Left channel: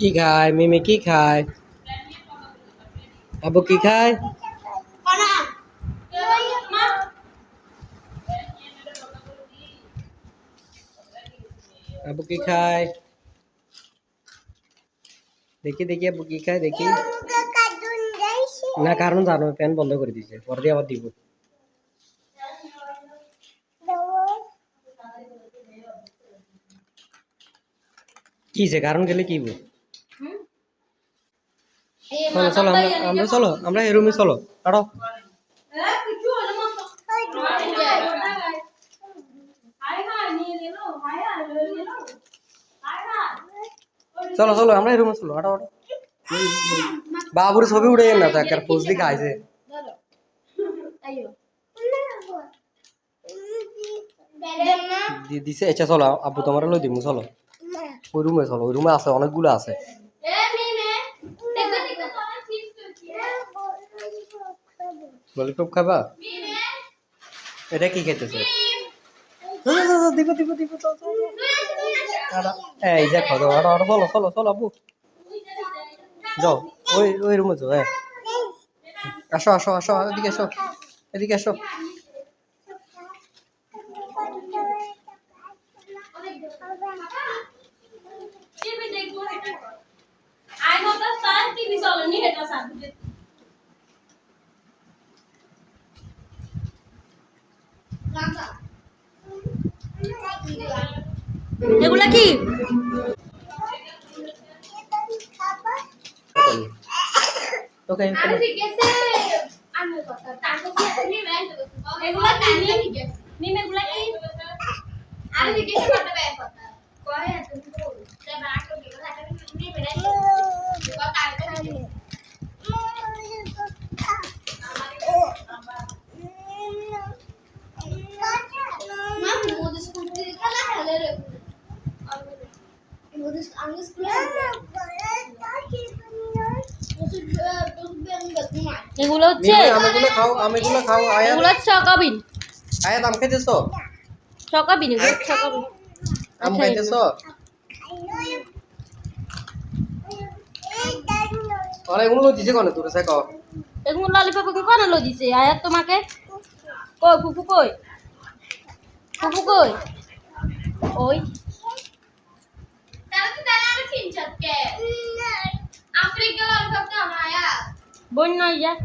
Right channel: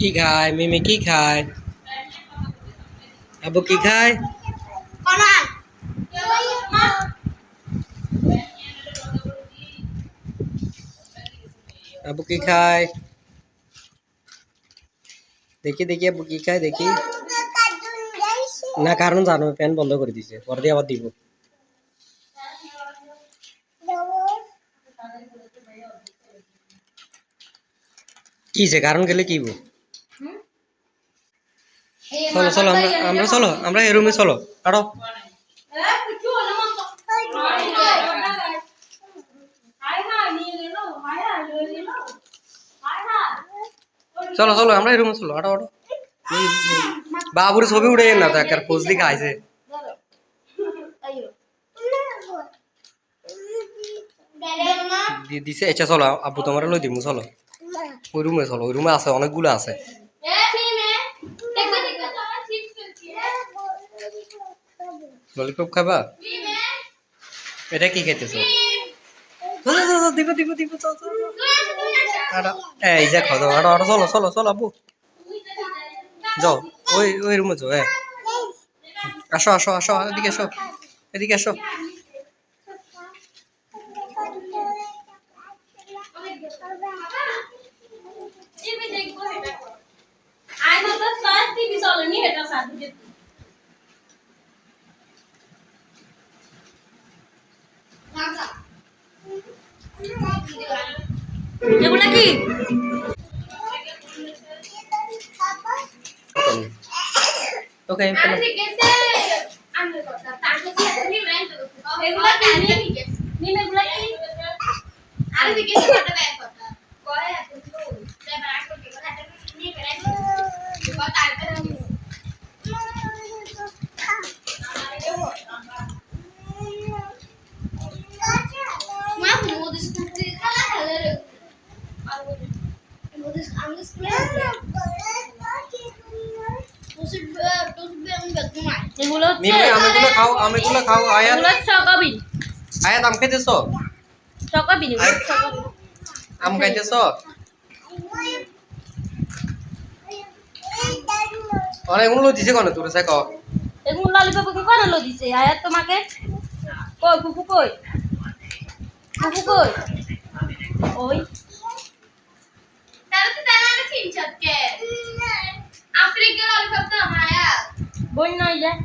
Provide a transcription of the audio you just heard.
কি খায় মিমি কি খায় আবু কি খায় আবু কি খায় দেখি দেখি আবু কি খায় দেখি না কারণ জানো ফ্যান বন্ধ করে দিয়েছে পরে দিয়ে আবার দিব কিছে কারণ গেলে কি চলো চলো আমরা চলো আমরা এই রুমে চলো কাটো চলো চলো আমরা এই রুমে চলো আটো আটো বাবুর ছবি উঠে না তো একটা পোজ লিখা আছে দিছে আচ্ছা চলো আব্বু তোমার লই দিমু চলো ওই রুমে চলো ওই রুমে আছে অনেকগুলো আছে ললিপপ খাবা এটা কি খাইতেছো দিব দিব দিব এই যে খাও দাও আটো চলো চলো চলো আব্বু যাও ওই ওই রুমে যাও আসো আসো আসো এদিকে আসো এদিকে আসো এগুলা কি ওকে আমেগুলো খাও আয়াত আয়াত আম খাইতেছো আম খাইতেছো অনেকগুলো দিছে কোন তোর সাইক এগুলো ললিপপ কি করে লো দিছে আয়াত তোমাকে কই ফুফু কই ফুফু কই ওই তাহলে তো দানা আমি তিন চারটে আফ্রিকা ললিপপ তো আমার বই নই যায়